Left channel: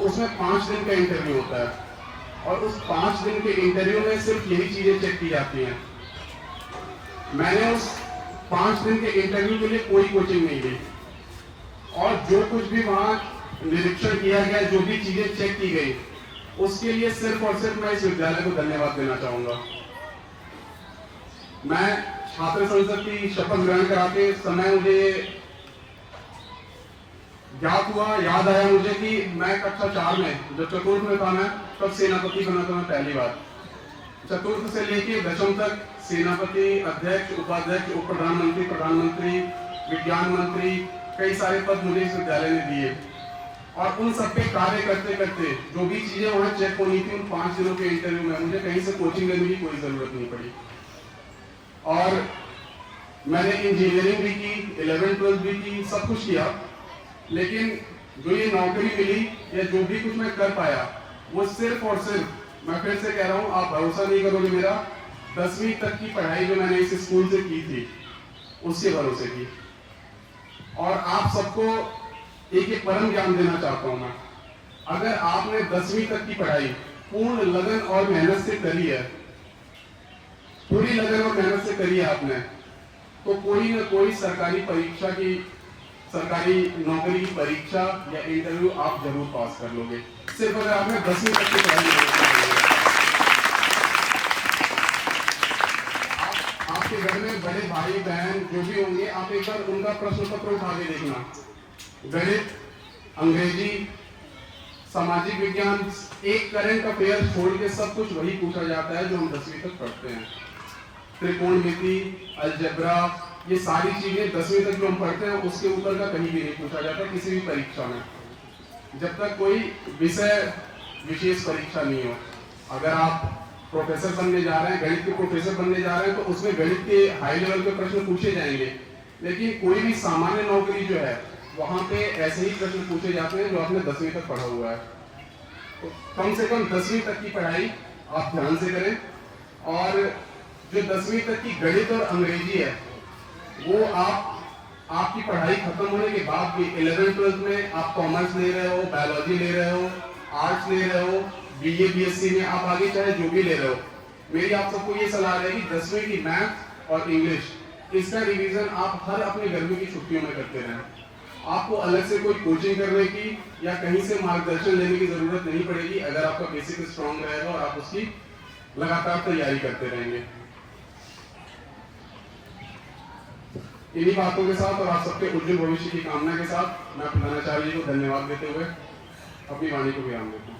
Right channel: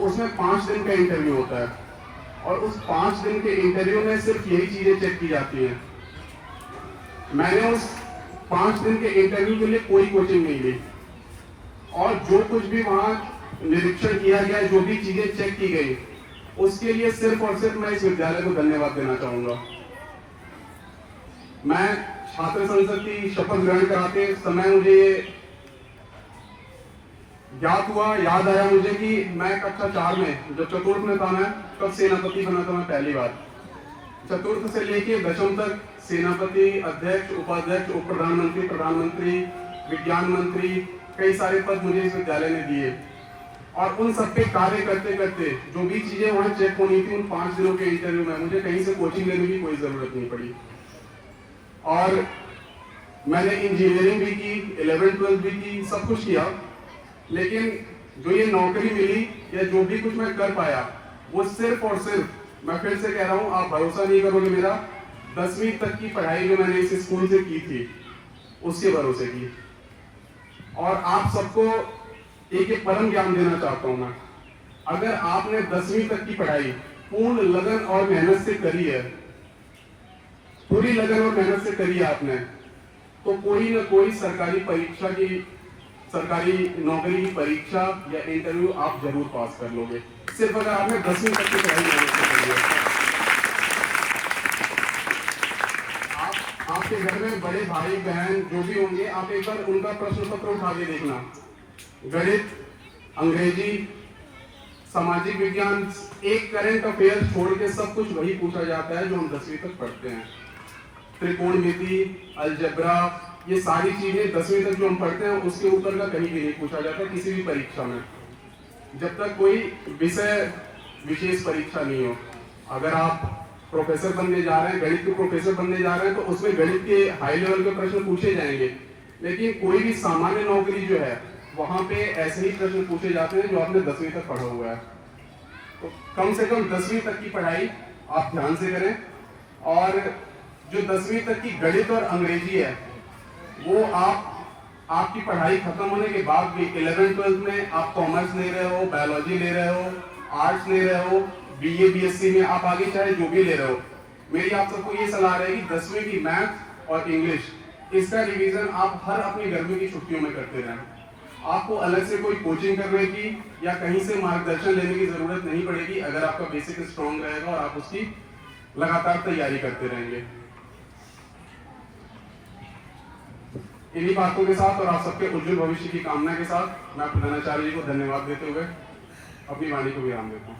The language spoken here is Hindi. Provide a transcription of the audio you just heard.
उसमें 5 दिन का इंटरव्यू होता है और उस 5 दिन के इंटरव्यू में सिर्फ यही चीजें चेक की जाती हैं। मैंने उस 5 दिन के इंटरव्यू के लिए कोई कोचिंग नहीं ली और जो कुछ भी वहां निरीक्षण किया गया, जो भी चीजें चेक की गई, उसके लिए सिर्फ और सिर्फ मैं इस विद्यालय को धन्यवाद देना चाहूंगा। मैं छात्र संसद की शपथ ग्रहण कराते समय मुझे याद आया मुझे कि मैं कक्षा 4 में, जब चतुर्थ में था, मैं तब सेनापति बना था मैं पहली बार। चतुर्थ से लेके दशम तक सेनापति, अध्यक्ष, उपाध्यक्ष, उप प्रधानमंत्री, प्रधानमंत्री, विज्ञान मंत्री, कई सारे पद मुझे इस विद्यालय ने दिए और उन सब पे कार्य करते करते जो भी चीजें वहां चेक होनी थी, उन 5 दिनों के इंटरव्यू में मुझे कहीं से कोचिंग लेने की कोई जरूरत नहीं पड़ी। और मैंने इंजीनियरिंग भी की, 11th 12th भी की, सब कुछ किया, लेकिन जो ये नौकरी मिली या जो भी कुछ मैं कर पाया, वो सिर्फ और सिर्फ, मैं फिर से कह रहा हूं, आप भरोसा नहीं करोगे, मेरा 10वीं तक की पढ़ाई जो मैंने इस स्कूल से की थी, उसके भरोसे की। और आप सबको एक परम ज्ञान देना चाहता हूं मैं। अगर आपने 10वीं तक की पढ़ाई पूर्ण लगन और मेहनत से करी है, पूरी लगन और मेहनत से करी है आपने, तो कोई ना कोई सरकारी परीक्षा की, सरकारी नौकरी की परीक्षा या इंटरव्यू आप जरूर पास कर लोगे, सिर्फ अगर आपने 10वीं तक की पढ़ाई करी है। आपके घर में बड़े भाई बहन जो भी होंगे, आप एक बार उनका प्रश्न पत्र उठा के देखना। गणित, अंग्रेजी, सामाजिक विज्ञान, एक करंट अफेयर छोड़ के सब कुछ वही पूछा जाता है जो हम 10वीं तक पढ़ते हैं। त्रिकोणमिति, अलजेब्रा, ये सारी चीजें 10वीं तक जो हम पढ़ते हैं उसके ऊपर का कहीं भी नहीं पूछा जाता किसी भी परीक्षा में, जब तक कोई विषय विशेष परीक्षा नहीं हो। अगर आप प्रोफेसर बनने जा रहे हैं, गणित के प्रोफेसर बनने जा रहे हैं, तो उसमें गणित के हाई लेवल के प्रश्न पूछे जाएंगे, लेकिन कोई भी सामान्य नौकरी जो है वहां पे ऐसे ही प्रश्न पूछे जाते हैं जो आपने 10वीं तक पढ़ा हुआ है। तो कम से कम 10वीं तक की पढ़ाई आप ध्यान से करें। और जो 10वीं तक की गणित और अंग्रेजी है, वो आपकी पढ़ाई खत्म होने के बाद भी 11th 12th में आप कॉमर्स ले रहे हो, बायोलॉजी ले रहे हो, आर्ट्स ले रहे हो, बीए बीएससी में आप आगे चाहे जो भी ले रहे हो, मेरी आप सबको ये सलाह रहेगी 10वीं की मैथ और इंग्लिश, इसका रिवीजन आप हर अपनी गर्मी की छुट्टियों में करते रहें। आपको अलग से कोई कोचिंग करने की या कहीं से मार्गदर्शन लेने की जरूरत नहीं पड़ेगी अगर आपका बेसिक स्ट्रांग रहेगा और आप उसकी लगातार तैयारी करते रहेंगे। इन्हीं बातों के साथ और आप सबके उज्जवल भविष्य की कामना के साथ मैं प्रधानाचार्य जी को धन्यवाद देते हुए अपनी वाणी को विराम देता हूँ।